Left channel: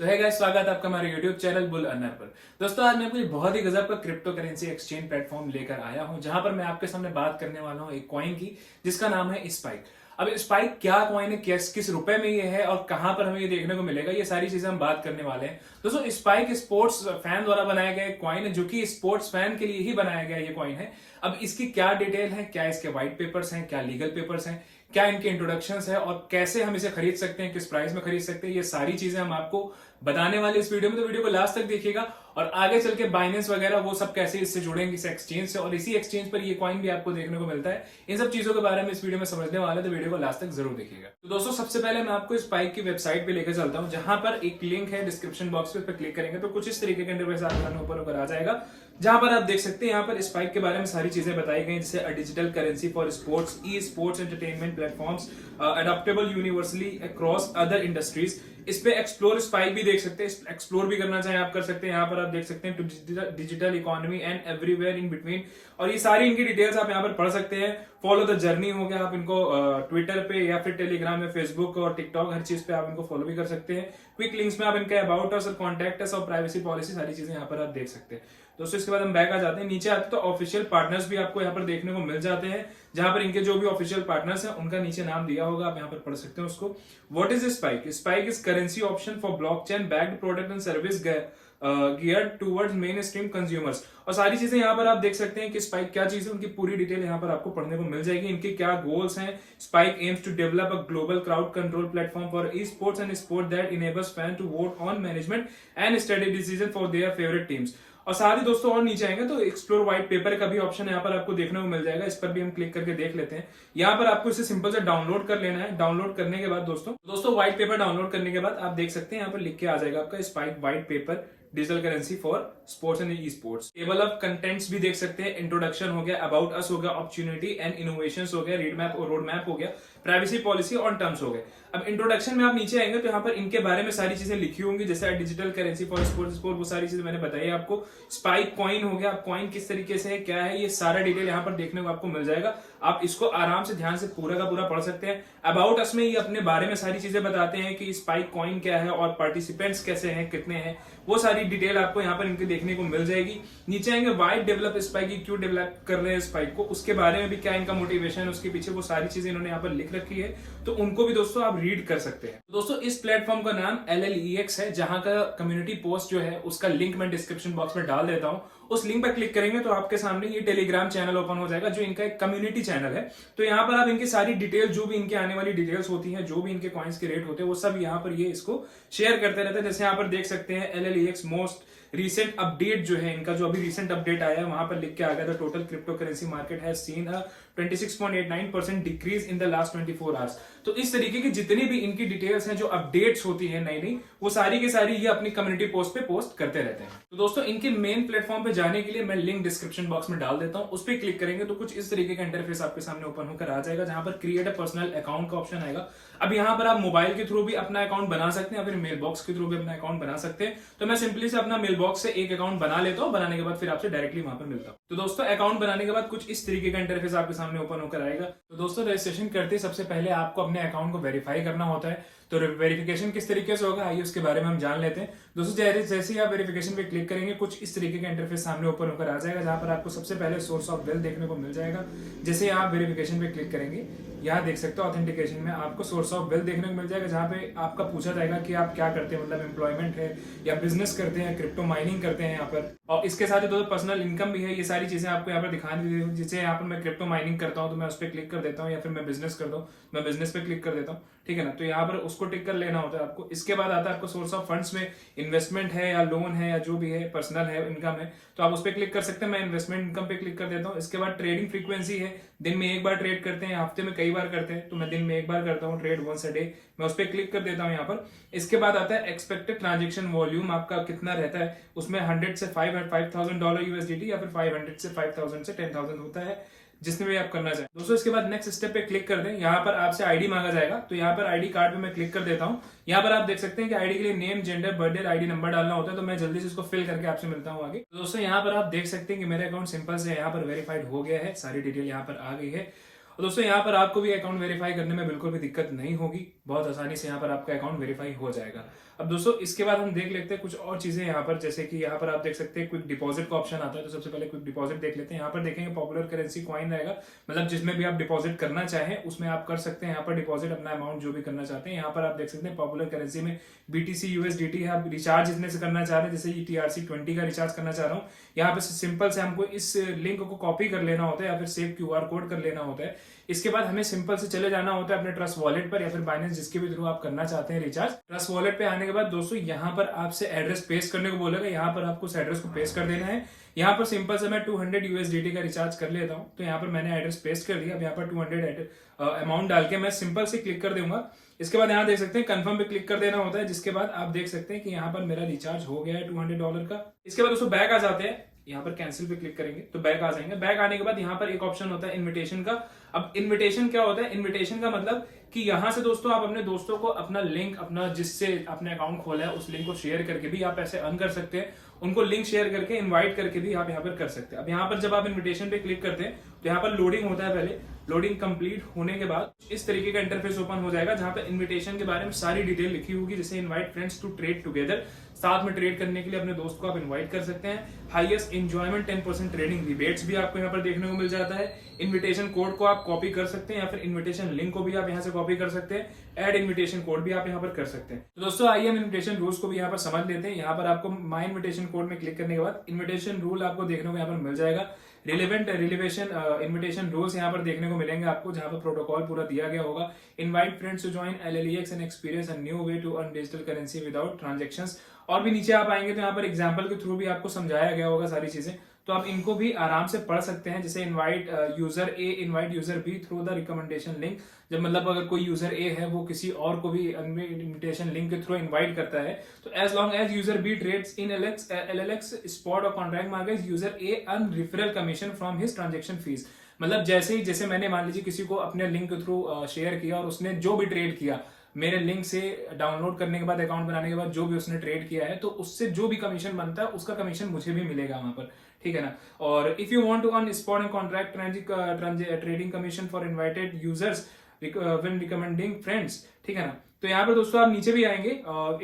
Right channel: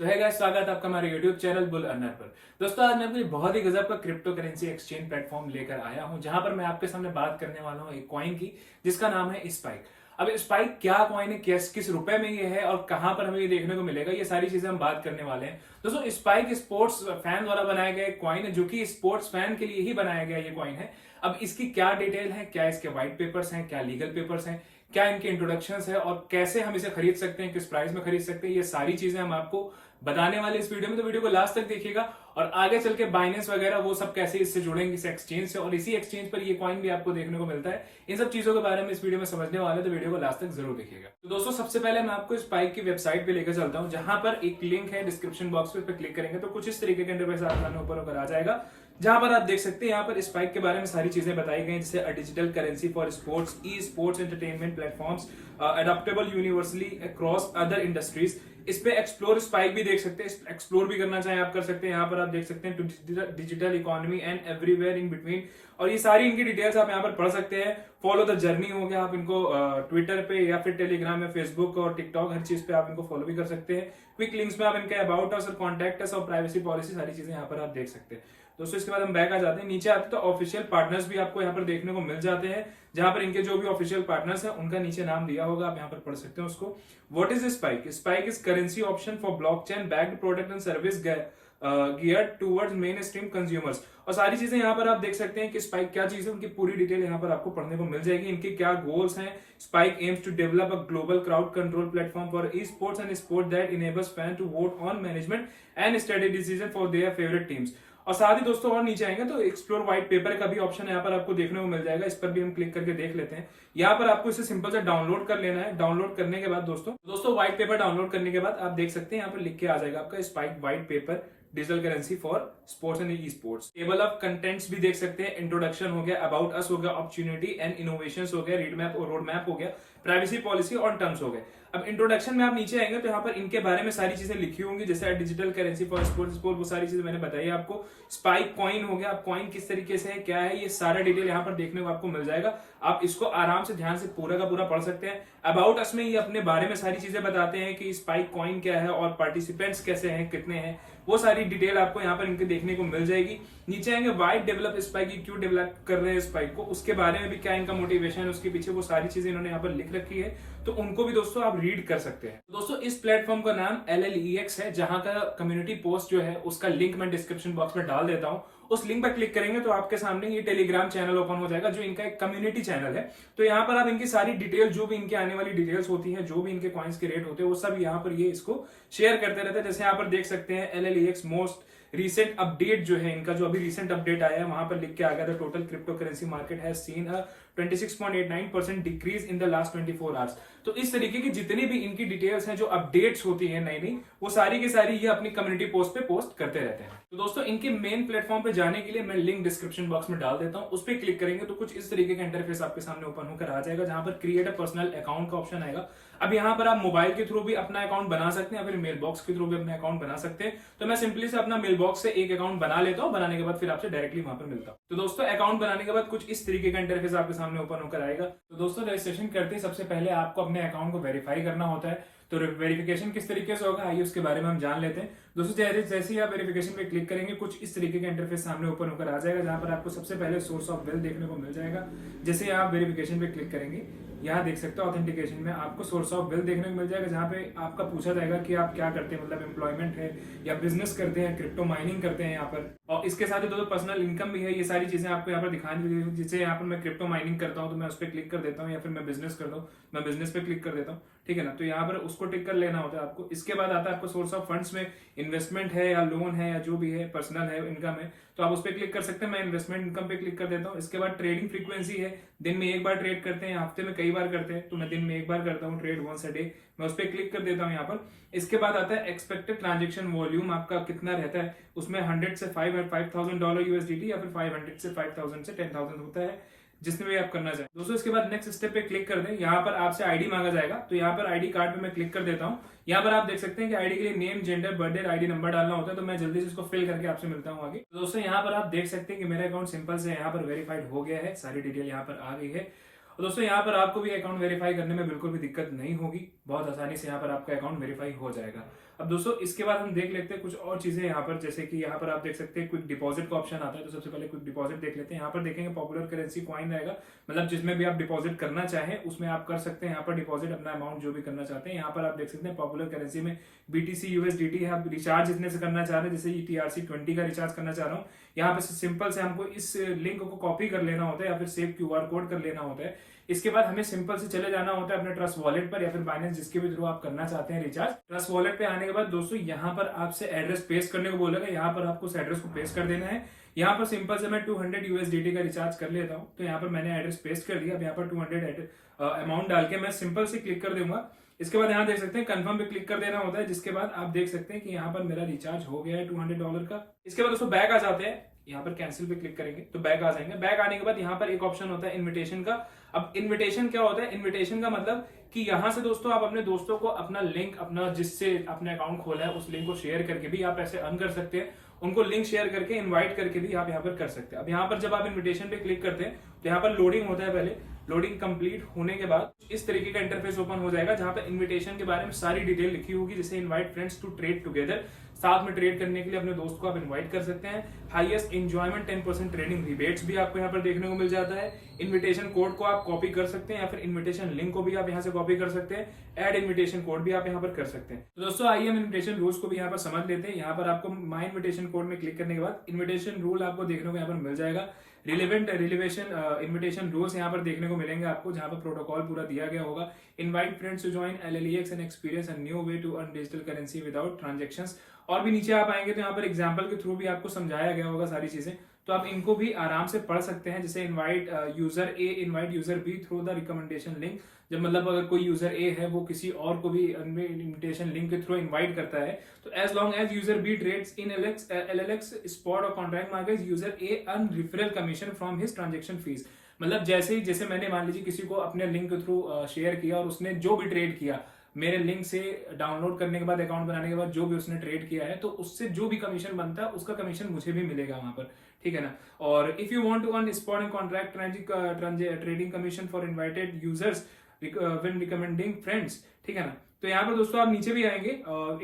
तो है गाइस, स्वागत है आपका हमारे YouTube चैनल बुल अर्नर पर। दोस्तों, आज मैं आपको एक बहुत ही गजब का क्रिप्टो करेंसी एक्सचेंज प्लेटफॉर्म लेकर आया हूं, जहां पर मैं आपके सामने बात करने वाला हूं एक कॉइन की, जिसका नाम है स्पाइक। अब स्पाइक क्या कॉइन है, किस किस रुपए में ये है और कहां पर हमें ये देखने को मिलेगा, ये सारी चीजें हम बात करने वाले हैं। दोस्तों, स्पाइक स्पोर्ट्स फैन द्वारा बनाया गया कॉइन है, जो कि स्पोर्ट्स फैन के लिए ही बनाया गया ये कॉइन है। अब इसकी क्या डिटेल है, क्या इसके व्हाइट पेपर्स हैं, क्या लीगल पेपर्स हैं, क्या इनके इंट्रोडक्शंस है और कैसे हम इसे खरीद सकते हैं, किस प्राइस में खरीद सकते हैं, ये सारी चीजें हम आपको बताने वाले इस वीडियो में। तो वीडियो को लास्ट तक देखिएगा और आगे चल के बाइनेंस वगैरह वो सब कैसे इससे जुड़ेंगे इस एक्सचेंज से, और इसी एक्सचेंज पर ये कॉइन भी आपको देखने को मिलता है। इन सब चीजों के बारे में इस वीडियो में समझने वाले हैं, तो वीडियो को लास्ट तक जरूर देखिएगा। तो दोस्तों, सबसे पहले मैं आपको स्पाइक की वेबसाइट पे लेकर चलता हूं, जहां पर एक लिंक है डिस्क्रिप्शन बॉक्स पे, क्लिक करेंगे तो कुछ इस तरीके के इंटरफेस आपके सामने ऊपर आ जाएगा, जहां पर आप देख सकते हैं यहाँ पर स्पाइक के बारे में सारी चीजें बताई गई, जैसे a digital currency for sports, e sports entertainment platforms, adaptable universally across other industries. इस पे एक्सप्लोर स्पाइक भी देख सकते हैं, एक्सप्लोर भी करना चाहें आप कर सकते हैं। यहाँ पर आप देख सकते हैं to digital economy and everywhere in between, और ये सारी इनकी डिटेल्स आप यहाँ पर पढ़ सकते हैं। फॉलो द जर्नी हो गया, आप इनको ट्विटर पे या फिर टेलीग्राम में, फेसबुक और टिकटॉक, हर चीज पे आप इनको फॉलो भी कर सकते हैं। क्विक लिंक्स में आप इनके अबाउट अस और कॉन्टैक्ट अस और प्राइवेसी पॉलिसी, सारी चीजें यहाँ पर आप देख सकते हैं। दोस्तों, इसके बाद हम बैक आ जाते हैं, नीचे आते तो ऑफिशियल पार्टनर्स भी आपको यहाँ पर देखने को मिल जाते हैं, जहां पर इनके जो भी ऑफिशियल पार्टनर्स हैं उनका नीचे नाम दिया होगा, आप यहाँ पर पढ़ सकते हैं उसको। What is spike? Spike is currency option for blockchain backed product and service geared towards main stream consumers. और सारी चीजें यहाँ पर आप देख सकते हैं कि स्पाइक क्या चीज है, उनकी पूरी डिटेल यहाँ पर आपको पढ़ने को मिल जाएगी। इनके क्या गोल्स हैं। Spike aims to develop a global crowd control platform for e sports and sport that enables fan to vote on management and study decision for their favourite teams. और साथ ही दोस्तों, और नीचे आएंगे तो एक्सप्लोर व्हाइट पेपर का भी option यहाँ पर आपको देखने को मिल जाएगा, इस पर भी हम क्लिक करके देख लेते हैं। यहाँ पर आपको इसे सिंपल से डाउनलोड कर लेना है। डाउनलोड करने के बाद दोस्तों व्हाइट पेपर डाउनलोड करने के बाद आप देख सकते हैं यहाँ पर लिख के आ जाएगा आपका spike white paper digital currency for sports and e sports. Table of contents भी देख सकते हैं, इंट्रोडक्शन हो गया, अबाउट अस हो गया, अपॉर्चुनिटी एंड इनोवेशंस हो गया, रोड मैप हो गया, प्राइवेसी पॉलिसी और टर्म्स हो गए। अब इंट्रोडक्शन में आप नीचे आएंगे तो यहाँ पर इनके बारे में सारी चीजें लिखी होंगी, जैसे डिजिटल करेंसी फॉर स्पोर्ट्स, वो सारी चीजें मैंने बताई आपको। स्पाइक कॉइन हो गया, कॉइन किस तरीके से है, क्या है, ये सारा डिटेल यहाँ पर देखने को आपको मिल जाएगा। आप इसको आराम से ध्यान से पूरा का पूरा पढ़ सकते हैं। अबाउट अस में ये अपने बारे में सारी चीजें बताते हैं कि स्पाइक कॉइन क्या है और पार्टिसिपेंट्स कैसे हैं, कितने हैं, वो सारी डिटेल आपको यहाँ पर इनके देखने को मिल जाएगी। नीचे आएंगे वाई डेवलप स्पाइक, क्यों डेवलप कर रहे हैं स्पाइक को, उसके बारे में भी क्या इनका मोटिवेशन है उसके पीछे, वो सारी चीजें इन्होंने यहाँ पर लिख रखी है, तो उनको भी दोस्तों आप रीड कर सकते हैं। तो दोस्तों, इस प्लेटफॉर्म का नाम LLEX है, जहां का कम्युनिटी पोस्ट जो है उसका लिंक मैं डिस्क्रिप्शन बॉक्स में डाल देता हूं। उस लिंक पर क्लिक करेंगे तो आपके सामने ये टेलीग्राम चैनल ओपन हो जाएगा, जो इनका एक कम्युनिटी चैनल है। तो यहाँ पर आप इनकी सारी डिटेल, जो भी इनके आने वाली डिटेल्स होती हैं, जो भी इनके कॉइन्स के रेट होते हैं, वो सब यहाँ पर ये इसको शेयर करते रहते हैं। जैसे यहाँ पर देख सकते हैं LLEX मोस्ट रिसेंट अपडेट जो है इनका, जो अभी रिसेंट अपडेट आया है, वहां पर लिख के आ गया था total crypto currency market has seen a 26.89% decrease in the last 24 hours. तो इस तरीके की जितनी भी इनकी डिटेल्स हैं, जो अपडेट्स होती हैं नई नई, वो सारी की सारी ये अपनी कम्युनिटी पोस्ट पे पोस्ट करते रहते हैं। तो दोस्तों, इनके मेन प्लेटफॉर्म पे जाने के लिए मैं लिंक डिस्क्रिप्शन बॉक्स में डाल देता हूं, उस पर क्लिक करेंगे तो कुछ इस तरीके का इंटरफेस आपके सामने ओपन होकर आ जाएगा, जहां पर क्रिएट अ पर्सनल अकाउंट का ऑप्शन आएगा। अब यहाँ पर आप मोबाइल के थ्रू भी अपना अकाउंट बना सकते हैं या फिर मेल बॉक्स के थ्रू भी अपना अकाउंट बना सकते हैं। तो मैं सिंपली से अपना मेल बॉक्स से एक अकाउंट बना लेता हूँ, बनाने के बाद फिर आपसे डायरेक्टली वहां पर मिलता हूँ। तो दोस्तों, अकाउंट बनाने के बाद कुछ इस तरीके का इंटरफेस आपके सामने ओपन होकर आएगा। तो दोस्तों, रजिस्ट्रेशन करते सबसे पहले आपको अपने अकाउंट को वेरीफाई करना होता है। तो वेरिफिकेशन किस तरीके से होगा, आइए उसके बारे में हम जान लेते हैं। दोस्तों, जैसे ही आप वेरिफिकेशन पे क्लिक करेंगे, कुछ इस तरीके का इंटरफेस सामने ओपन होकर आ जाएगा, जहां पर आपको सबसे पहले सोर्स ऑफ वेल्थ देखने को मिल जाएगा। जैसे ही आप वेरिफिकेशन पे क्लिक करेंगे, यहाँ देख सकते हो ऑथेंटिकेशन में आपको सोर्स ऑफ वेल्थ देखने को मिल जाएगा, जहां पे आपका पूछा जाएगा कि आप क्या करते हैं, मतलब एम्प्लॉयमेंट है या बिजनेस करते हैं, क्रिप्टो माइनिंग करते हैं यहाँ पर। और इसके साथ ही दोस्तों पर्सनल इनकम भी है, ये सारी चीजें आपको यहाँ पर दिखाने। जैसे यहाँ पर मैं क्रिप्टो माइनिंग करता हूँ तो मैं उस पर क्लिक कर देता हूँ, या फिर मैं बिजनेस करता हूँ, मैं बिजनेस पे क्लिक कर देता हूँ, ठीक है ना। तो यहाँ पर उसको टिक कर लेना होता है आपको। इसके बाद आता है आपको सोर्स ऑफ फंड्स में, इन्वेस्टमेंट है या लोन है या जो भी है, पर्सनल है, इनकम है, तो आप उस पर क्लिक कर सकते हैं। मैं इन्वेस्टमेंट इनकम पे क्लिक कर देता हूँ। इसके बाद ट्रेडिंग फ्रीक्वेंसी है, दिन में एक बार ट्रेड करते हैं, हफ्ते में कई बार करते हैं, तो मैं दिन में एक बार करता हूँ ट्रेड, वंस अ डे, मैं उस पर क्लिक कर देता हूँ यहाँ पर। इसके बाद आता है एक्सपेक्टेड ट्रांजेक्शन वॉल्यूम, आपका कितना रहता है उसमें, 100 से $5,000 USDT या फिर 500 से 5,000 से 10,000 होता है, जिसमें भी आप करना चाहें। दोस्तों, इसके बाद नेक्स्ट स्टेप पे क्लिक कर दें। यहाँ पर आपसे आईडी मांगा जाएगा, तो यहाँ पर आईडी कार्ड पे मैं क्लिक कर देता हूँ। यहाँ पर आप देख सकते हैं कि आईडी के लिए name, gender, birthday, ID number डालना होता है, तो मैं जल्दी से इसको फिल करके आपसे मिलता हूँ आगे। तो दोस्तों, यहाँ पर आप देख सकते हैं कि मेरा अकाउंट सिंपल से यहाँ पर वेरीफाइड हो गया है, सारी डिटेल यहाँ पर आ गई है। और दोस्तों, यहाँ पर आपको भी अकाउंट वेरीफाई करने में बिल्कुल भी दिक्कत नहीं होगी, बहुत आसानी से यहाँ पर आपका अकाउंट वेरीफाई हो जाएगा। अब दोस्तों इसके बाद हम देख लेते हैं कुछ और चीजें यहाँ पर, जैसे कि यहाँ पर आप देख सकते हैं क्विक डिपॉजिट का ऑप्शन आता है। तो सबसे पहले क्विक डिपॉजिट देख लेते हैं। यहाँ पर देखेंगे पॉपुलर करेंसी कॉइन रहेगा, मतलब जिसमें भी आप डिपॉजिट करना चाहें उसमें आप कर सकते हैं। यहाँ पर डिपॉजिट अपना अमाउंट जो भी करना चाहते हैं। यहाँ पर आप देख सकते हैं पॉपुलर करेंसी में BTC USDT है। आप रिचार्ज इसमें से करना चाह रहे हैं, जैसे TRC20 का रिचार्ज करना चाह रहा हूँ, यहाँ पे सिंपल से हमको इस लिंक को कॉपी कर लेना होता है या फिर सेव QR कोड कर लेना होता है। इसके बाद हमें सिंपल से चले जाना होता है अपने ट्रस्ट वॉलेट पर या फिर बाइनेंस जिसके भी थ्रू आप करना चाहते हैं रिचार्ज। ट्रस्ट वॉलेट पे आने के बाद दोस्तों यहाँ पर आपसे एड्रेस पेस्ट करने को बोलेगा। यहाँ पर आपको उस एड्रेस को पेस्ट कर देना है। यहाँ पर सिंपल से मैं 200 USDT का रिचार्ज कर लेता हूँ। तो यहाँ पर मैंने एड्रेस पेस्ट कर दिया। अब यहाँ पर 200 अमाउंट डाल के मैं सिंपल से क्लिक कर दूंगा। इसके बाद यहाँ देख सकते हैं कंफर्म पे क्लिक कर देना होता है, जिसके बाद आप देख सकते हैं कि यहाँ पर मेरा रिचार्ज हो गया है $200 का। इसके बाद दोस्तों बैक आ जाते हैं। यहाँ पर कैंसिल पे क्लिक करेंगे तो बैक आ जाएंगे। बैक आने के बाद यहाँ पर एक ऑप्शन होता है इनविटेशन का। अब इनविटेशन क्या होता है? इनविटेशन का मतलब कि यहाँ से दोस्तों आप अपने दोस्तों को अपना लिंक, अपना जिससे अपने अकाउंट खोला है उस लिंक को शेयर करके भी आप ऐसे अर्न कर सकते हैं। उनको लिंक शेयर करके इनवाइट करके भी आप यहाँ पर कर सकते हैं। अब यहाँ पर जब आप इनविटेशन पे क्लिक करते हैं तो यहाँ पर लोडिंग होता है। पहले लोडिंग कंप्लीट होने के बाद इस तरीके का इंटरफेस ओपन हो जाएगा, जहां पर इनविटेशन के बारे में सारी डिटेल लिखी होगी, जैसे invite friends to trade together, साथ में ट्रेड करने के लिए अपने दोस्त को आप इनवाइट कर सकते हैं। हाईएस्ट एंजॉयमेंट 10% ट्रेडिंग रिबेट्स भी आपको यहाँ पर देखने को मिल जाता है। इनविटेशन कोड को आप कॉपी कर सकते हैं या फिर इनविटेशन लिंक को भी आप यहाँ से कॉपी कर सकते हैं। ऐड इनविटेशन कोड भी आप यहाँ पर कर सकते हैं। तो दोस्तों आइए हम इनविटेशन रूल्स को भी यहाँ पर समझ लेते हैं। यहाँ पर आपको माई इनविटेशन कोड में क्लिक करने के बाद इनविटेशन रूल आपको देखने को यहाँ पर मिल जाएगा। इनविटेशन रूल्स यहाँ पर देखने को मिलेंगे आपको, जहां पर प्रोटोकॉल पूरा दिया गया होगा। Invite friends to join LLEX and experience a new way to earn digital currency without transactions. और भी नीचे आप आएंगे तो यहाँ पर एग्जांपल के थ्रू भी आपको समझाया गया होगा सारी चीजें, तो आप इनको भी आराम से पढ़ सकते हैं। जैसे invite user A invite user B through the recommendation link, जब मतलब अगर कोई यूजर ए है वो किसी और को भी इनविटेशन लिंक के थ्रू इनवाइट करता है, तो as long as user B trades in LLX spot और contract market, user A earn referral commission from his transaction fees. मतलब जैसे मैंने मान लीजिए किसी को अपने लिंक के थ्रू शेयर किया और उसने जो भी ट्रेड किया मेरे लिंक से डाउनलोड करने के बाद, अकाउंट बनाने के बाद जो भी उसने ट्रेड किया है, तो उससे जो भी कमीशन बनता है उसका कमीशन मुझे भी मिलेगा वहां पर, ठीक है ना। और if you want to earn spot and contract trading commission for invited users when recommending friends, ठीक है ना। तो यहाँ पर दोस्तों आप नीचे भी आएंगे,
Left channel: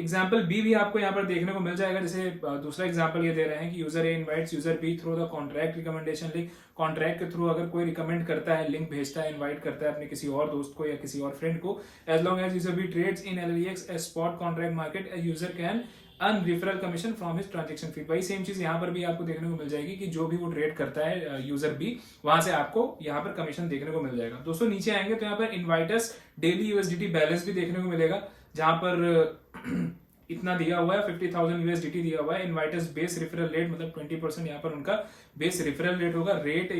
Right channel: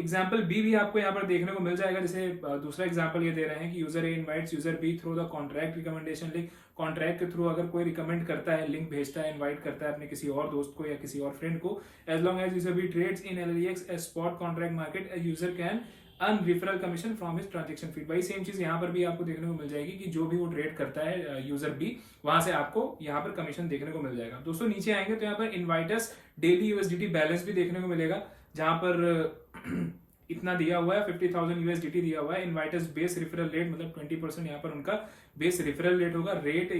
एग्जाम्पल बी भी आपको यहाँ पर देखने को मिल जाएगा। जैसे दूसरा एग्जाम्पल ये दे रहे हैं कि user A invites user B through the contract recommendation link. Contract के थ्रू अगर कोई रिकमेंड करता है, लिंक भेजता है, इनवाइट करता है अपने किसी और दोस्त को या किसी और फ्रेंड को, as long as user B trades in LLEX a spot contract market, a user can earn referral commission from his transaction fee. वही सेम चीज यहाँ पर भी आपको देखने को मिल जाएगी कि जो भी वो ट्रेड करता है यूजर बी, वहां से आपको यहाँ पर कमीशन देखने को मिल जाएगा। दोस्तों नीचे आएंगे तो यहाँ पर इनवाइटर्स डेली USDT बैलेंस भी देखने को मिलेगा, जहां पर इतना दिया हुआ है, 50,000 USDT दिया हुआ है। इनवाइटर्स बेस रेफरल रेट, मतलब 20% यहाँ पर उनका बेस रेफरल रेट होगा। रेट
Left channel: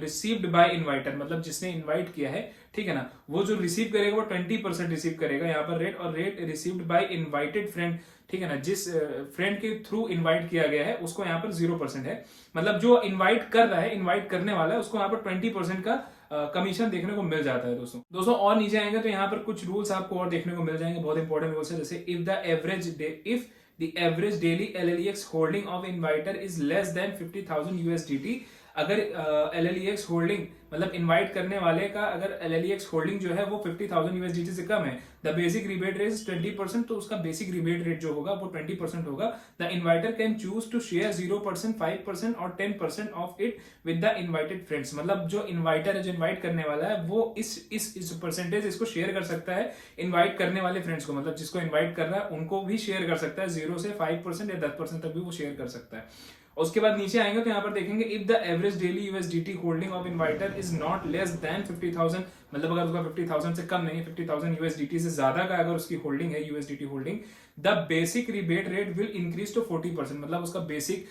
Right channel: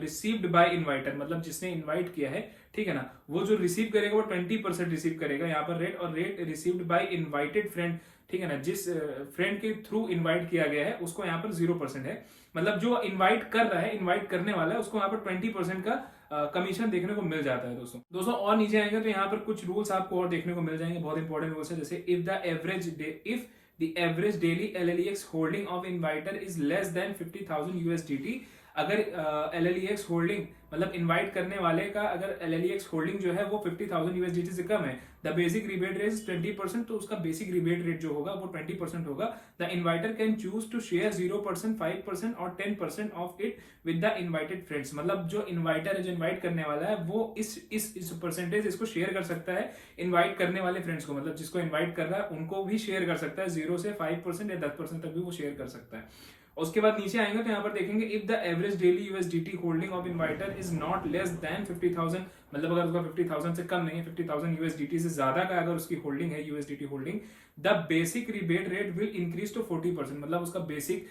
रिसीव्ड बाय इनवाइटर, मतलब जिसने इनवाइट किया है, ठीक है ना, वो जो रिसीव करेगा वो 20% रिसीव करेगा यहाँ पर रेट। और rate received by invited friend, ठीक है ना, जिस फ्रेंड के थ्रू इनवाइट किया गया है उसको यहाँ पर 0% है। मतलब जो इनवाइट कर रहा है, इनवाइट करने वाला है, उसको यहाँ पर 20% का कमीशन देखने को मिल जाता है दोस्तों और नीचे आएंगे तो यहाँ पर कुछ रूल्स आपको और देखने को मिल जाएंगे, बहुत इंपॉर्टेंट रूल्स है। जैसे if the average daily LLEX holding of inviter is less than 50,000 USDT, अगर LLEX होल्डिंग मतलब इनवाइट करने वाले का अगर LLEX होल्डिंग जो है वो 50,000 USDT से कम है, the basic rebate rate is 20%, तो उसका बेसिक रिबेट रेट जो होगा वो 20% होगा। The inviter can choose to share 0%, 5% और 10% of it with the invited friends. मतलब जो इनवाइटर है, जो इनवाइट करने वाला है, वो इस परसेंटेज इसको शेयर कर सकता है इनवाइट करने वाले फ्रेंड्स को, मतलब जिसको इनवाइट कर रहा है उनको भी शेयर कर सकता है। 0 से 5% या 10% तक भी वो शेयर कर सकता है। उसके बाद नीचे आएंगे तो यहाँ पर देखेंगे if the average daily USDT holding of inviter is not less than 50,000, मतलब अगर उसका 50,000 से कम नहीं है, 50,000 USDT से ज्यादा का अगर उसकी होल्डिंग है, USDT holding, the basic rebate rate will increase to 40%, मतलब उसका बेसिक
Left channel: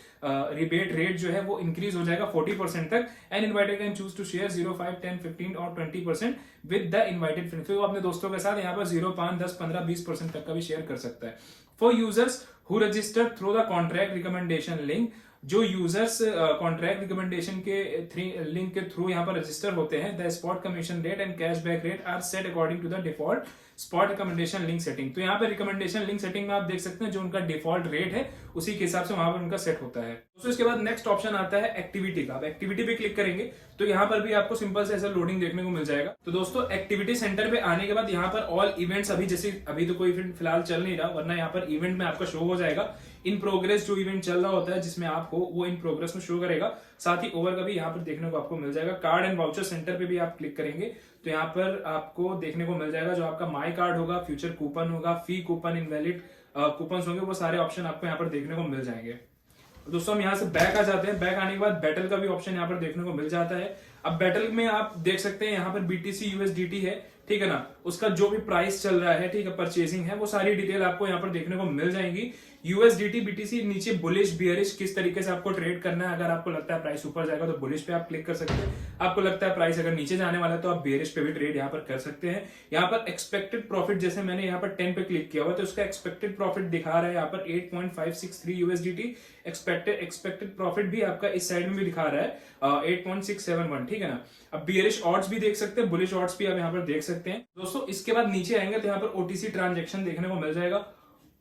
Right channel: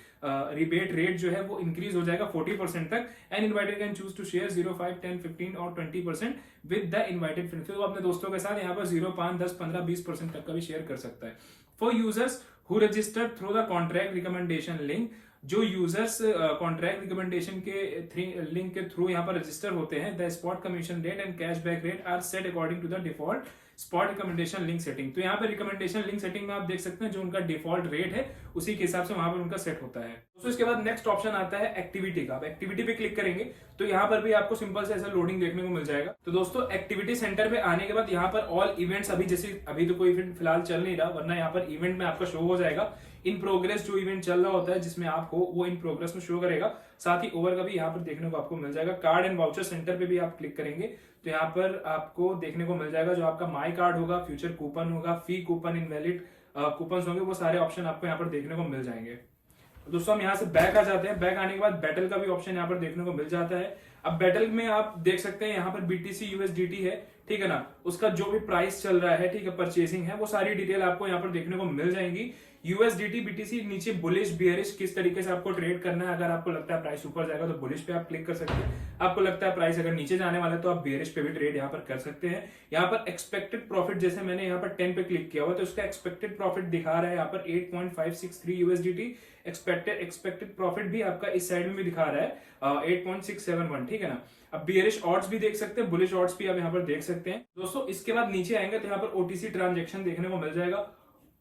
रिबेट रेट जो है वो इंक्रीज हो जाएगा 40% तक। And inviter can choose to share 0, 5, 10, 15 और 20% विद द इनवाइटेड फ्रेंड। फिर वो अपने दोस्तों के साथ यहाँ पर 0, 5, 10, 15, 20% तक का भी शेयर कर सकता है। For users who register through the contract recommendation link, जो यूजर्स कॉन्ट्रैक्ट रिकमेंडेशन के लिंक के थ्रू यहाँ पर रजिस्टर होते हैं, the spot commission rate and cashback rate are set according to the default spot recommendation link setting. तो यहाँ पर रिकमेंडेशन लिंक सेटिंग में आप देख सकते हैं जो उनका डिफॉल्ट रेट है उसी के हिसाब से वहां पर उनका सेट होता है। तो इसके बाद नेक्स्ट ऑप्शन आता है एक्टिविटी का। अब एक्टिविटी पे क्लिक करेंगे तो यहाँ पर भी आपको सिंपल से ऐसा लोडिंग देखने को मिल जाएगा। तो दोस्तों एक्टिविटी सेंटर पे आने के बाद यहाँ पर ऑल इवेंट्स, अभी जैसे अभी तो कोई फिलहाल चल नहीं रहा, वरना यहाँ पर इवेंट में आपका शो हो जाएगा इन प्रोग्रेस। जो इवेंट चल रहा होता है जिसमें आप हो वो इन प्रोग्रेस में शो करेगा। साथ ही ओवर का भी यहाँ पर देखने को आपको मिल जाएगा। कार्ड एंड वाउचर सेंटर पे भी आप क्लिक करेंगे तो यहाँ पर आपको देखने को मिल जाएगा जो आपका माई कार्ड होगा, फ्यूचर कूपन होगा, फी कूपन, इनवैलिड कूपन होंगे, वो सारे ऑप्शन आपको यहाँ पर देखने को मिल जाएंगे। दोस्तों हम यहाँ से बैक आ जाते हैं। बैक आने के बाद बैटल का भी ऑप्शन यहाँ पर देखने को मिल जाता है। अब बैटल में आप देख सकते हैं यहाँ पर BTC USDT है, ठीक है ना, उसका जो भी प्राइस चल रहा है, ठीक है, परचेसिंग है, वो सारी डिटेल आपको यहाँ पर देखने को मिल जाएंगी। USDT BTC नीचे बुलिश बियरिश किस तरीके से आपको ट्रेड करना है। अगर आपको लगता है प्राइस ऊपर जाएगा तो बुलिश पे आप क्लिक कर सकते हैं। आपको लगता है प्राइस अगर नीचे जाने वाला है तो आप बियरिश पे भी ट्रेड यहाँ पर कर सकते हैं। यहाँ पर एक्सपेक्टेड प्रॉफिट, जैसे मैंने यहाँ पर 10 पे क्लिक किया हुआ तो उसका एक्सपेक्टेड प्रॉफिट दिखा रहा है यहाँ पर 8.563 USDT। एक्सपेक्टेड प्रॉफिट भी आपका इस साइड में भी दिखा रहा है 8.671, ठीक है ना। अब बियरिश ऑड्स भी देख सकते हैं, बुलिश ऑड्स भी आप यहाँ पर देख सकते हैं। दोस्तों इसके बाद नीचे आएंगे तो यहाँ पर OTC ट्रांजेक्शन देखने को मिल जाएगा।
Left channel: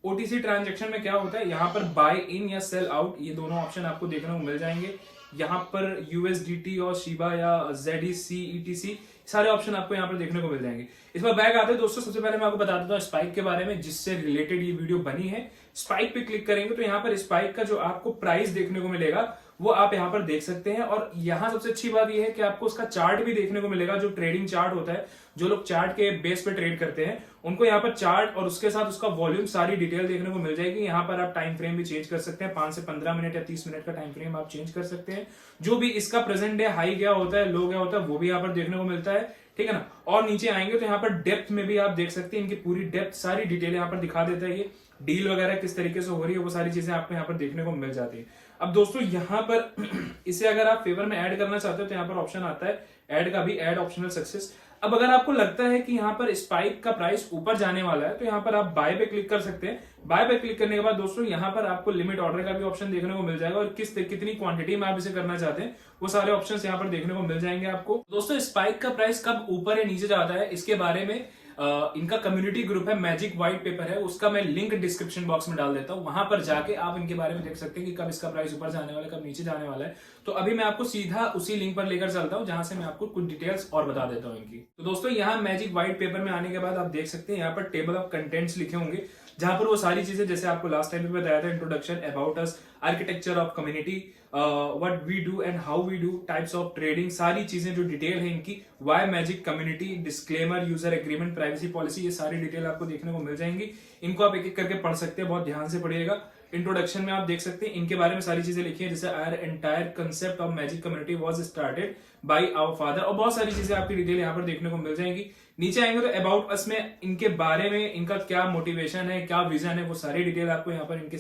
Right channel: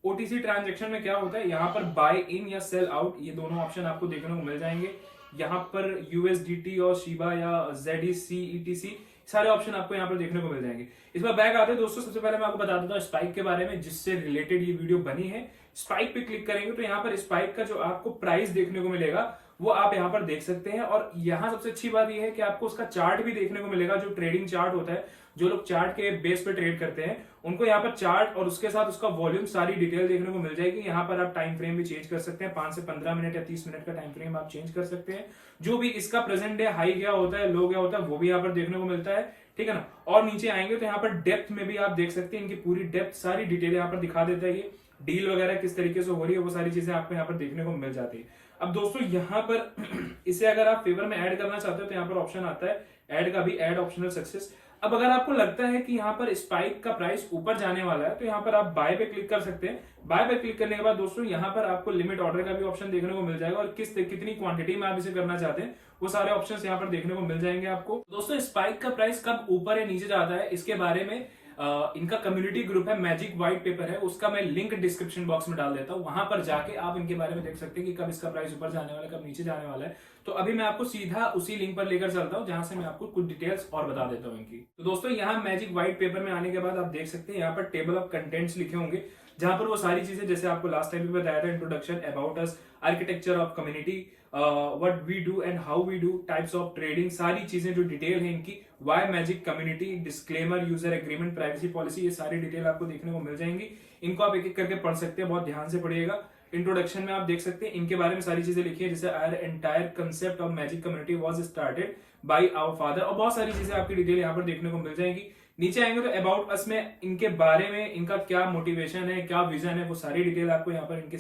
OTC ट्रांजेक्शन में क्या होता है, यहाँ पर बाय इन या सेल आउट, ये दोनों ऑप्शन आपको देखने को मिल जाएंगे। यहाँ पर USDT और शिबा या ZEC ETC सारे ऑप्शन आपको यहाँ पर देखने को मिल जाएंगे। इस बार बैक आते हैं दोस्तों, सबसे पहले मैं आपको बता देता हूँ स्पाइक के बारे में जिससे रिलेटेड ये वीडियो बनी है। स्पाइक पे क्लिक करेंगे तो यहाँ पर स्पाइक का जो आपको प्राइस देखने को मिलेगा वो आप यहाँ पर देख सकते हैं। और यहाँ सबसे अच्छी बात यह है कि आपको उसका चार्ट भी देखने को मिलेगा, जो ट्रेडिंग चार्ट होता है, जो लोग चार्ट के बेस पे ट्रेड करते हैं उनको यहाँ पर चार्ट और उसके साथ उसका वॉल्यूम सारी डिटेल देखने को मिल जाएगी। यहाँ पर आप टाइम फ्रेम भी चेंज कर सकते हैं, 5 से 15 मिनट या 30 मिनट का टाइम फ्रेम आप चेंज कर सकते हैं। जो भी इसका प्रेजेंट डे हाई गया होता है, लो गया होता है, वो भी यहाँ पर देखने को मिलता है, ठीक है ना। और नीचे आएंगे तो यहाँ पर डेप्थ में भी आप देख सकते हैं, इनकी पूरी डेप्थ सारी डिटेल यहाँ पर दिखा देता है। ये डील वगैरह किस तरीके से हो रही है वो सारी चीजें आपको यहाँ पर देखने को मिल जाती है। अब दोस्तों यहाँ पर इसे अगर आप फेवर में ऐड करना चाहते हो तो यहाँ पर ऑप्शन आता है ऐड का भी, ऐड ऑप्शनल सक्सेस। अब अगर आपको लगता है कि यहाँ पर स्पाइक का प्राइस ऊपर जाने वाला है तो यहाँ पर आप बाय पे क्लिक कर सकते हैं। बाय पे क्लिक करने के बाद दोस्तों यहाँ पर आपको लिमिट ऑर्डर का भी ऑप्शन देखने को मिल जाएगा और कितनी क्वांटिटी में आप इसे करना चाहते हैं वो सारे ऑप्शंस यहाँ पर देखने को मिल जाएंगे आपको। दोस्तों स्पाइक का प्राइस कब ऊपर या नीचे जाता है इसके बारे में इनका कम्युनिटी ग्रुप है, मैजिक व्हाइट पेपर है, उसका मैं लिंक डिस्क्रिप्शन बॉक्स में डाल देता हूं। वहां पर जाके आप इनके बारे में देख सकते हैं कि कब इसका प्राइस ऊपर जाने वाला है, कब नीचे जाने वाला है। तो अभी मैं आपको सीधा उसी लिंक पर लेकर चलता हूं जहां से मैं आपको कुछ डिटेल्स और बता देता हूं इनकी। तो दोस्तों यहाँ मैजिक व्हाइट पेपर में आने के बाद आप देख सकते हैं यहाँ पर टेबल ऑफ कंटेंट्स लिखे होंगे जहां पर वो सारी चीजें जैसे आपको लास्ट टाइम भी बताया था, introduction, about us, architecture of community, what we do and how we do, types of trading, सारी चीजें जो डिटेल है इनकी, why Magic Community, disclaimer, user agreement, privacy policy, ये सारी डिटेल आपको देखने को मिल जाएंगी। इनको आप एक एक करके पढ़ सकते हैं, बहुत ध्यान से पढ़िएगा। इंट्रोडक्शन में आप देख सकते हैं इनके बारे में सारी चीजें लिखी है, जैसे our entire concept of Magic Community was started by our father, और बहुत सारी चीजें आपकी डिटेल यहाँ पर देखने को मिल जाएंगी। नीचे आएंगे तो अबाउट अस में इनके बारे में, इनका क्या मोटिवेशन है, क्या विजन है, वो सारी डिटेल आपको यहाँ पर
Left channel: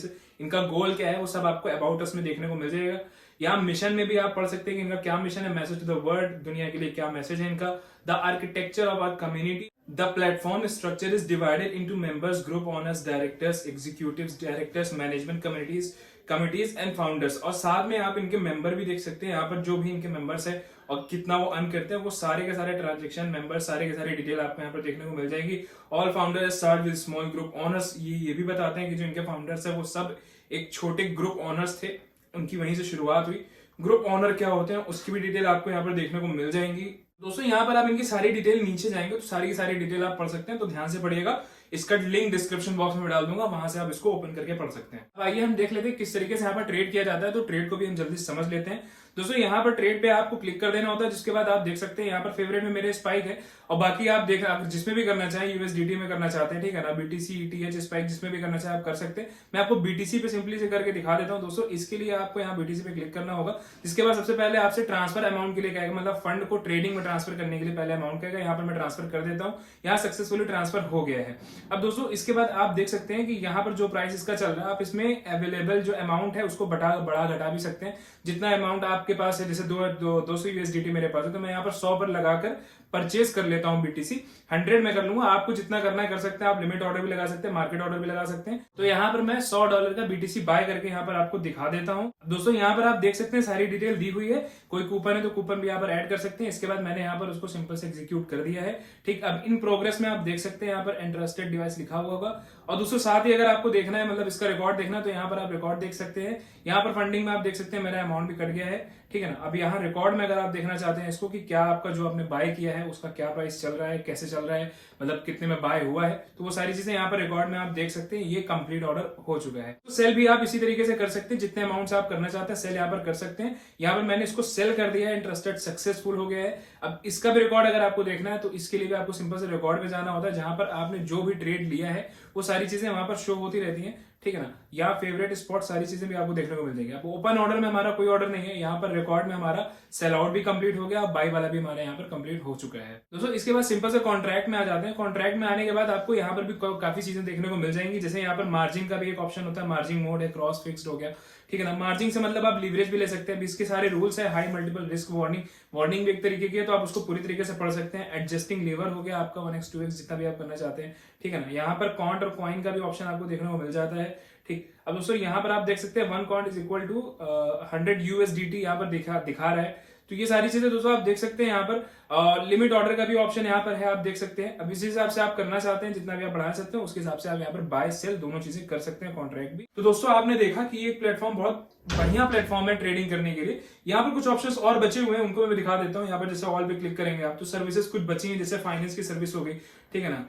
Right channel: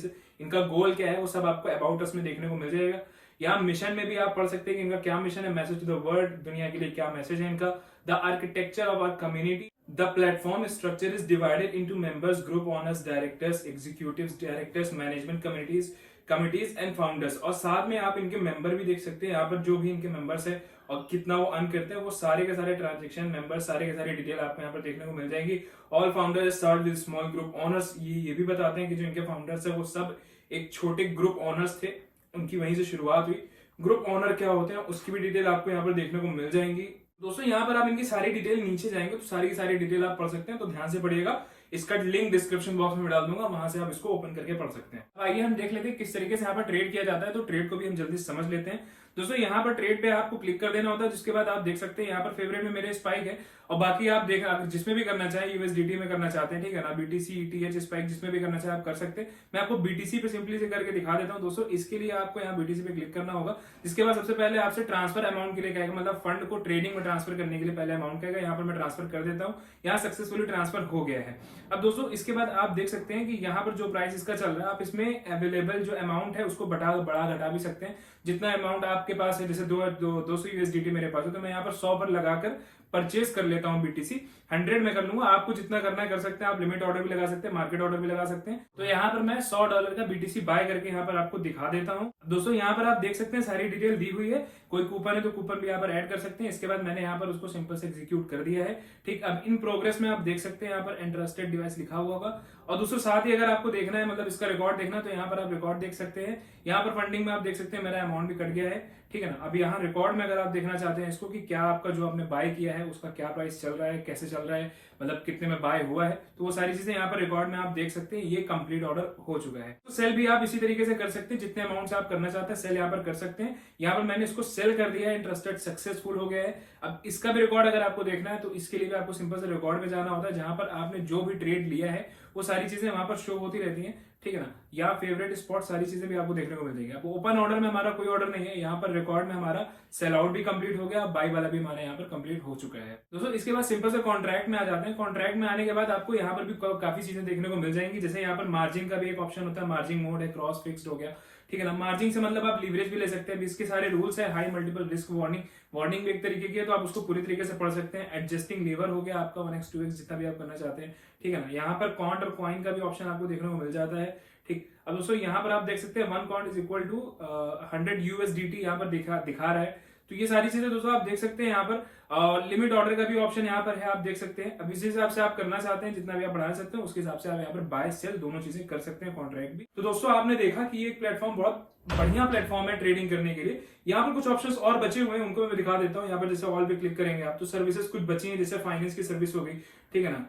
इनका गोल क्या है वो सब आपको अबाउट अस में देखने को मिल जाएगा। यहाँ मिशन में भी आप पढ़ सकते हैं कि इनका क्या मिशन है, मैसेज टू द वर्ल्ड, दुनिया के लिए क्या मैसेज है इनका। The architecture of our community, the platform structure is divided into members, group owners, directors, executives, directors, management committees and founders. और साथ में आप इनके मेंबर भी देख सकते हैं, यहाँ पर जो भी इनके मेंबर्स है और कितना वो अर्न करते हैं वो सारे के सारे ट्रांजेक्शन, मेंबर्स, सारे के सारे डिटेल आपको यहाँ पर देखने को मिल जाएगी। All founders start with small group owners, ये भी बताते हैं कि जो इनके फाउंडर्स है वो सब एक छोटे ग्रुप ओनर्स थे, उनकी वहीं से शुरुआत हुई। ग्रुप ओनर क्या होते हैं उसकी भी डिटेल आपको यहाँ पर देखने को मिल जाएंगी। दोस्तों यहाँ पर आप इनकी सारी डिटेल नीचे जाएंगे तो सारी की सारी डिटेल आप पढ़ सकते हैं, तो ध्यान से पढ़िएगा। इसका लिंक डिस्क्रिप्शन बॉक्स में डाल दूंगा, वहां से आप इसको ओपन करके पढ़ सकते हैं। आइए हम देख लेते हैं किस तरीके से यहाँ पर ट्रेड किया जाता है, तो ट्रेड को भी हम जल्दी समझ लेते हैं। दोस्तों यहाँ पर ट्रेड पे आपको क्लिक कर देना होता है, जिसके बाद आप देख सकते हैं यहाँ पर फेवरेट में मेरे स्पाइक है, और बाकी आप देख जिसमें भी करना चाहें, USDT में करना चाहते हैं, ठीक है ना, BTC, ETH, स्पाइक जिसमें भी करना चाहे आप कर सकते हैं। मैं आपको BTC पे सिंपली से करके दिखा देता हूँ। दोस्तों इसके लिए आपको यहाँ BTC पे क्लिक करना होगा, जिसके बाद सबसे पहले आपसे ट्रांसफर अमाउंट के लिए कहेगा, मतलब फंड को ट्रेडिंग में ट्रांसफर करने के लिए पहले अमाउंट कहेगा। यहाँ पर मैं ट्रांसफर कर देता हूँ, यहाँ सक्सेसफुली ट्रांसफर हो गया है। अब दोस्तों इसके बाद आप देख सकते हैं कि यहाँ पर जो प्राइस इसका चल रहा है, आप इसमें अवेलेबल जो अमाउंट है उसको बढ़ा घटा भी सकते हैं। जितना अमाउंट आपके पास है, जैसे 200 USDT मेरे पास है, तो मैं यहाँ पर 100 पर लगाकर परचेस कर लेता हूं बीटीसी, 100 में कर लूंगा। आपको जितना करना है कर सकते हैं, आप लिमिट ऑर्डर भी लगा सकते हैं, मार्केट ऑर्डर भी लगा सकते हैं। तो यहाँ पर मैं $100 का बीटीसी बाय करके यहाँ पर आपको दिखा देता हूँ। दोस्तों यहाँ पर आप देख सकते हैं सारी डिटेल दी हुई है, कोई कूपन है तो कूपन भी यहाँ पर ऐड कर सकते हैं। इसके बाद मैंने यहाँ पर उसको सिंपल से एग्जीक्यूट कर दिया है। ठीक, अब इन प्रोग्रेस में आप देख सकते हैं यहाँ पर इंटरेस्टेड डिवाइस लिखा हुआ होगा। और दोस्तों साथ ही अगर आपको देखना है, मतलब इसका रिकॉर्ड देखना है, तो यहाँ पर आप रिकॉर्ड देख सकते हैं। यहाँ पर फंडिंग में आप देख सकते हैं मेरा अमाउंट भी कट गया है, ठीक है ना। अब यहाँ रिकॉर्ड में अगर आप देखना चाहते हैं इसको कि क्या आपका जो आपने बाय किया है उसका क्या प्राइस चल रहा है, कैसे चल रहा है, मतलब कितने में बाय हुआ है, तो वो सारी चीजें यहाँ पर रिकॉर्ड में आप देख सकते हैं। ये कंप्लीट ऑर्डर हो चुका है। तो सेल भी आप इसी तरीके से कर सकते हैं, जितने अमाउंट आप करना चाहते हैं सेल यहाँ पर कर सकते हैं। यहाँ पर मैंने इसको सेल कर दिया है, इंटरेस्टेड सक्सेसफुल हो गया है। अब इसका भी रिकॉर्ड अगर आपको देखना है तो इसके लिए भी आपको सिंपल से रिकॉर्ड में जाना होता है, जहां पर आपने जो भी ट्रेड लिया है वो सारी चीजें वहां पर शो होती रहती हैं, ठीक है ना। यहाँ फेवरेट स्पॉट सारी चीजें भी आपको देखने को मिल जाएगी। आपको ओपन ऑर्डर में हमारा कोई ऑर्डर नहीं है, यहाँ पर रिकॉर्ड में हमारा सेल आउट भी कंप्लीट हो गया, बाई वाला भी हमारे यहाँ पर कंप्लीट हो चुका है। दोस्तों इसके बाद सिंपल से कॉन्ट्रैक्ट में आ जाते हैं। कॉन्ट्रैक्ट में आने के बाद आपको यहाँ पर भी काफी चीजें देखने को मिल जाएंगी, जैसे यहाँ पर मार्जिन का भी एक ऑप्शन होता है, मार्जिन मोड है, क्रॉस फिक्स्ड हो गया, ठीक है ना। मार्जिन से मतलब आप लीवरेज भी ले सकते हैं। इसके सारे रूल्स है, high multiple risk warning, warning भी एक तरीके की है, तो आप उसको पूरी तरीके से पढ़ सकते हैं। एडजस्टिंग लीवर हो गया आपका 1x 2x जितना भी आप करना चाहते हैं, ठीक है ना। यहाँ पर कॉन्ट और कॉइन का भी ऑप्शन आपको देखने को मिल जाता है, ठीक। अब दोस्तों यहाँ पर आप देख सकते हैं 1 count is equal to 100 USDT यहाँ पर दिखा रहा है। तो ये सारी चीजें दोस्तों आप देख सकते हैं। यहाँ पर लिमिट ऑर्डर का भी ऑप्शन यहाँ पर है, आप देख सकते हैं। अब इस हिसाब से आप करना चाहते हैं, जितना भी आप बढ़ा सकते हैं उसके हिसाब से आप यहाँ पर बाय सेल दोनों चीजें कर सकते हैं, कॉन्ट्रैक्ट भी। तो दोस्तों आपने देखा कि ये प्लेटफॉर्म बहुत बढ़िया प्लेटफॉर्म है ट्रेडिंग करने के लिए। यहाँ पर कुछ ऑप्शंस और बचे हुए हैं, उनको मैं दिखा देता हूँ। यहाँ पर जैसे ऑल पे क्लिक करेंगे आप तो सर्विसेज कुछ बची हैं, जैसे फाइनेंस की सर्विस हो गई, ठीक है ना।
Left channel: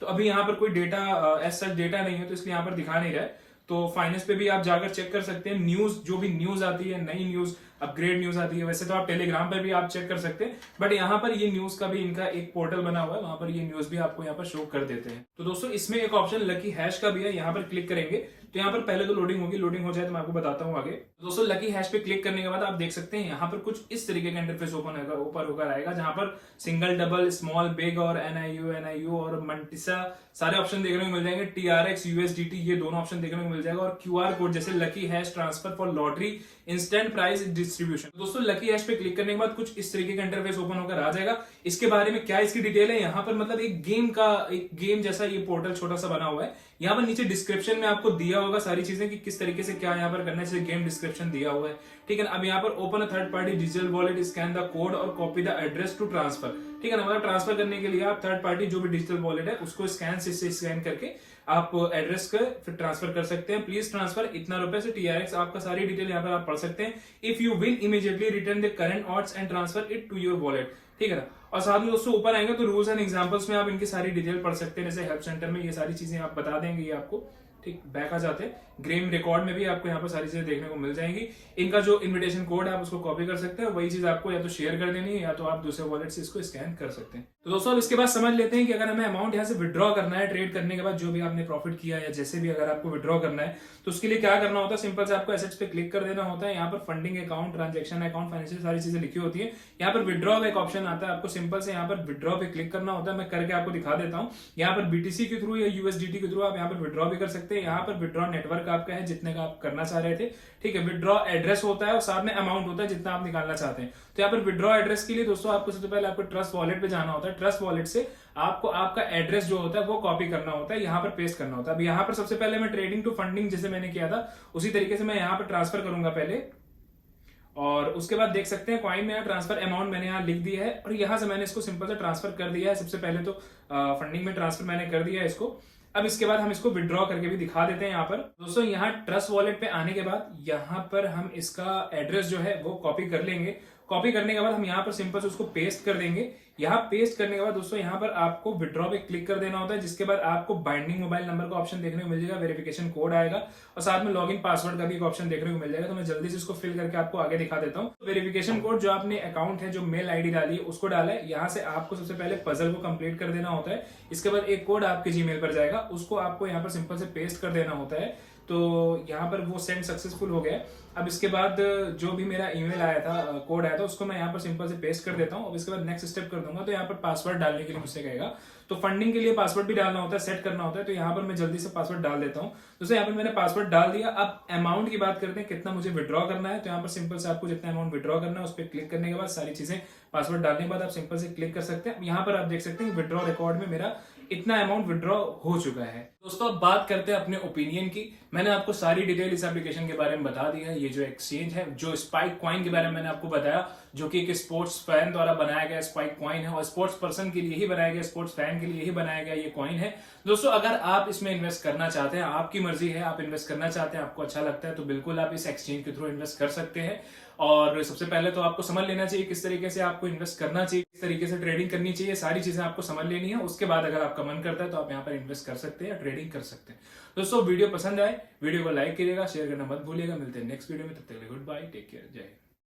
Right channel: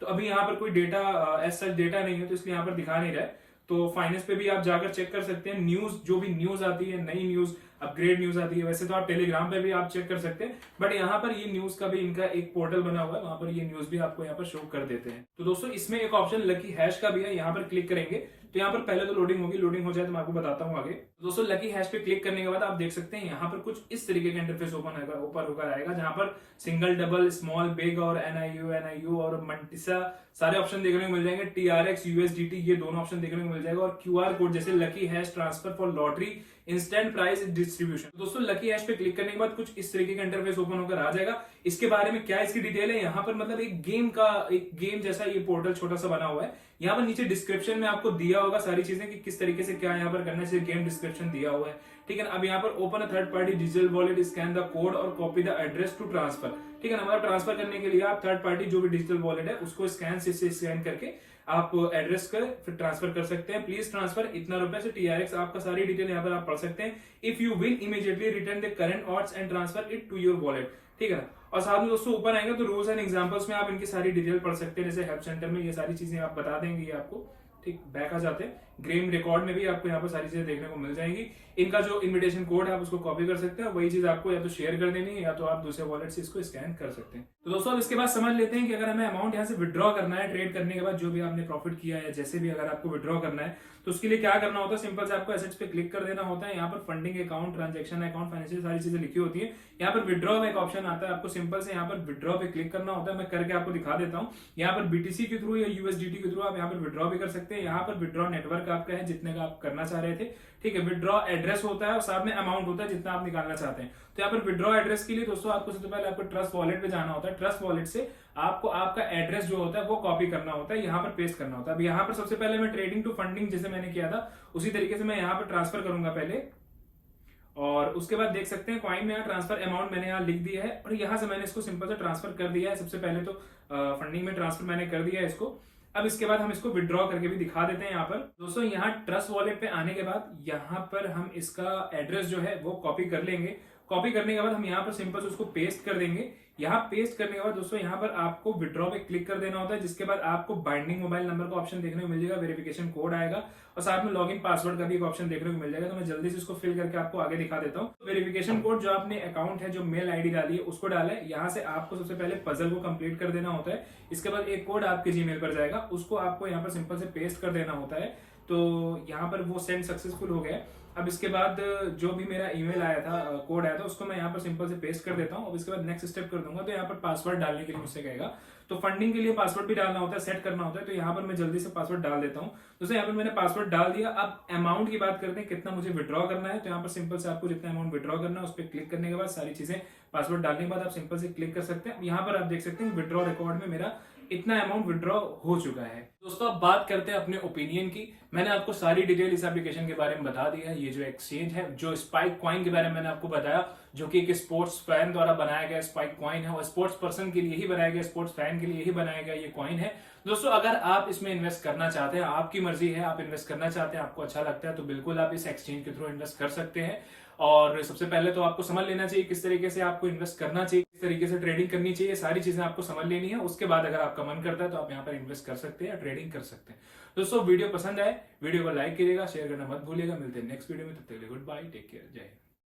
तो अभी यहाँ पर कोई डेटा एज सच डेटा नहीं है, तो इसलिए यहाँ पर दिखा नहीं रहा है। तो फाइनेंस पे भी आप जाकर चेक कर सकते हैं। न्यूज, जो भी न्यूज आती है, नई न्यूज, अपग्रेड न्यूज आती है, वैसे तो आप टेलीग्राम पे भी आप चेक कर सकते हैं, बट यहाँ पर ये न्यूज का भी इनका एक पोर्टल बना हुआ है, वहां पर ये न्यूज भी आपको यहाँ पर शो कर देते हैं। तो दोस्तों इसमें एक ऑप्शन लकी हैश का भी है, यहाँ पर क्लिक करेंगे तो यहाँ पर पहले तो लोडिंग होगी, लोडिंग हो जाए तो मैं आपको बताता हूँ आगे। दोस्तों लकी हैश पे क्लिक करने के बाद आप देख सकते हैं यहाँ पर कुछ इस तरीके का इंटरफेस ऊपर होकर आएगा, जहां पर सिंगल, डबल, स्मॉल, बिग और NIU और मंटिसा सारे ऑप्शन देखने को मिल जाएंगे। TRX USDT ये दोनों ऑप्शन देखने को मिल जाएगा, और QR कोड जैसे lucky hash transfer for lottery instant price distribution. दोस्तों लकी हैश पे क्लिक करने के बाद कुछ इस तरीके का इंटरफेस ओपन होकर आ जाएगा। इसके बारे में क्या इसकी डिटेल है, यहाँ पर मतलब एक गेम जैसा ये पोर्टल छोटा सा बना हुआ है। यहाँ पर नीचे डिस्क्रिप्शन में आपको दिया होगा सारी चीजें कि किस तरीके से क्या यहाँ पर करना चाहिए, गेम डिस्क्रिप्शन दिया हुआ है, ठीक है ना। अब यहाँ पर open a third party digital wallet, scan the code और copy the address to transfer, ठीक है ना। मतलब ट्रांसफर करने के लिए आप थर्ड पार्टी जो भी डिजिटल वॉलेट है उसको स्कैन करके आप एड्रेस का फिर ट्रांसफर कर सकते हैं। प्लीज ट्रांसफर इतना रुपए से TRX, आपका सारी डिटेल यहाँ पर आप पढ़ सकते हैं। If you will immediately return the current odds and transfer it to your wallet, ठीक है ना। और साथ में दोस्तों ऊपर आएंगे तो रूल्स एंड एग्जांपल्स में आप इनकी सारी डिटेल पढ़ सकते हैं, जैसे हेल्प सेंटर में ये सारी चीजें आप बता देंगे ये आपको, ठीक। बैक आ जाते हैं, ग्रेम रिकॉर्ड में भी आपको यहाँ पर सारी चीजें देखने को मिल जाएंगी। इनका जो इनविटेशन कोड है आप उसको कॉपी कर सकते हैं, वही चीज आपको या तो शेयर कर देनी है या तो आप दूसरे वॉलेट से इसको स्कैन कर सकते हैं। तो दोस्तों इसके बाद समझ लेते हैं कि अगर हमें अमाउंट यहाँ से विड्रॉ करना है ट्रेड करने के बाद, जो भी आपने प्रॉफिट किया या जैसे भी अगर आपको विड्रॉ करना है तो उसके लिए क्या करना होता है। सिंपल से आपको एसेट्स पे क्लिक कर देना होता है। यहाँ पर funding account, transaction account, financial सारी चीजें लिखी होती है। यहाँ पर विड्रॉ का एक ऑप्शन आता है, आपको सिंपल से यहाँ पर विड्रॉ पे क्लिक करना होता है। मैं करके आपको दिखा देता हूँ। यहाँ पर BTC के थ्रू या USDT के थ्रू आप यहाँ पर विड्रॉ भी कर सकते हैं। यहाँ पर विड्रॉ नेटवर्क आपका है जितने का आप करना चाह रहे थे, ठीक है। विड्रॉ एड्रेस होता है और साथ में अमाउंट होता है जितना आप निकालना चाहते हैं। तो यहाँ पर विड्रॉ एड्रेस के लिए दोस्तों आपको सबसे पहले आपको ट्रस्ट वॉलेट पे जाना होता है। ट्रस्ट वॉलेट से आपको आपका एड्रेस जो होता है वो कॉपी करना होता है, यहाँ पर पेस्ट करना होता है। अब यहाँ पर सबसे पहले मैं ट्रेडिंग टू फंडिंग जैसे मैंने किया था उसी तरीके से मैं यहाँ पर ट्रांसफर करूंगा पहले, और उसके बाद देख सकते हैं कॉइन में यहाँ ट्रांसफर अमाउंट मैंने यहाँ लिख दिया है और यहाँ से मैंने इसको सिंपल से ट्रांसफर कर दिया है। सबसे पहले तो फंडिंग में ट्रांसफर मैंने कर दिया है इसको। अब इसके बाद हम इसको विड्रॉ करके भी दिखा देते हैं। यहाँ पर दोस्तों यहाँ ट्रस्ट वॉलेट पे आने के बाद यहाँ पर हम इसका एड्रेस जो है वो कॉपी कर लेंगे। कॉपी करने के बाद हम यहाँ पर सिंपल से उसको पेस्ट कर देंगे। यहाँ पेस्ट करने के बाद दोस्तों यहाँ पर आपको विड्रॉ पे क्लिक कर देना होता है, जिसके बाद आपको बाइंडिंग मोबाइल नंबर का ऑप्शन देखने को मिल जाएगा, वेरिफिकेशन कोड आएगा और साथ में लॉगिन पासवर्ड का भी एक ऑप्शन देखने को मिल जाएगा। तो मैं जल्दी से इसको फिल करके आपको आगे दिखा देता हूँ। वेरिफिकेशन कोड जो आपने अकाउंट है, जो मेल ID डाली है उसको डाला है। यहाँ से आपको सबसे पहले पजल को कंप्लीट कर देना होता है। इसके बाद एक कोड आपके जीमेल पर जाएगा, उसको आपको यहाँ पर सिंपल से पेस्ट कर देना होता है। तो यहाँ पर वो सेंड सक्सेसफुल हो गया। अब इसके बाद जो भी मेरा ईमेल आया था, कोड आया था, उसको मैं यहाँ पर सिंपल से पेस्ट कर देता हूँ। अब इसके बाद नेक्स्ट स्टेप कर दूंगा तो यहाँ पर पासवर्ड डालने के लिए मुझसे कहेगा, तो फंडिंग के लिए पासवर्ड भी डालना होता है, सेट करना होता है। तो यहाँ पर मैं जल्दी से पासवर्ड डाल देता हूँ। दोस्तों यहाँ पर मैंने पासवर्ड डाल दिया। अब अमाउंट की बात करते हैं, कितना मुझे विड्रॉ करना है। तो यहाँ पर सिंपल से आपको जितना अमाउंट विड्रॉ करना है उस पर क्लिक करने के बाद सारी चीजें पासवर्ड डालने के बाद आप सिंपल से क्लिक कर सकते हैं। यहाँ पर आप देख सकते हैं विड्रॉ रिकॉर्ड में मेरा इतना अमाउंट विड्रॉ हो चुका है। दोस्तों अब बात करते हैं अपने ओपिनियन की। मैंने आपको सारी डिटेल इस एप्लीकेशन के बारे में बता दी है। ये जो एक्सचेंज है, जो स्पाइक कॉइन के बारे में मैंने आपको बताया, जो कि एक स्पोर्ट्स फैन द्वारा बनाया गया स्पाइक कॉइन है और स्पोर्ट्स पर्सन के लिए ही बनाया गया, स्पोर्ट्स फैन के लिए ही बनाया गया ये कॉइन है। दोस्तों अगर आप इसमें इन्वेस्ट करना चाहते हैं, आपकी मर्जी है, आप इन्वेस्ट करना चाहते हैं, आपको अच्छा लगता है, तो बिल्कुल आप इस एक्सचेंज के थ्रू इन्वेस्ट कर सकते हैं। और सबसे पहले तो आपको समझ लेना चाहिए किस तरीके से आपको इन्वेस्ट करना चाहिए, किस तरीके से ट्रेडिंग करनी चाहिए, सारी चीजें आपको समझ लेनी है। उसके बाद अगर आपका मन करता है तो आप यहाँ पर इन्वेस्ट कर सकते हैं, ट्रेडिंग कर सकते हैं। दोस्तों वीडियो पसंद आए, वीडियो को लाइक करिएगा, शेयर करना मत भूलिएगा। मिलते हैं नेक्स्ट वीडियो में, तब तक के लिए गुड बाय, टेक केयर, जय हिंद।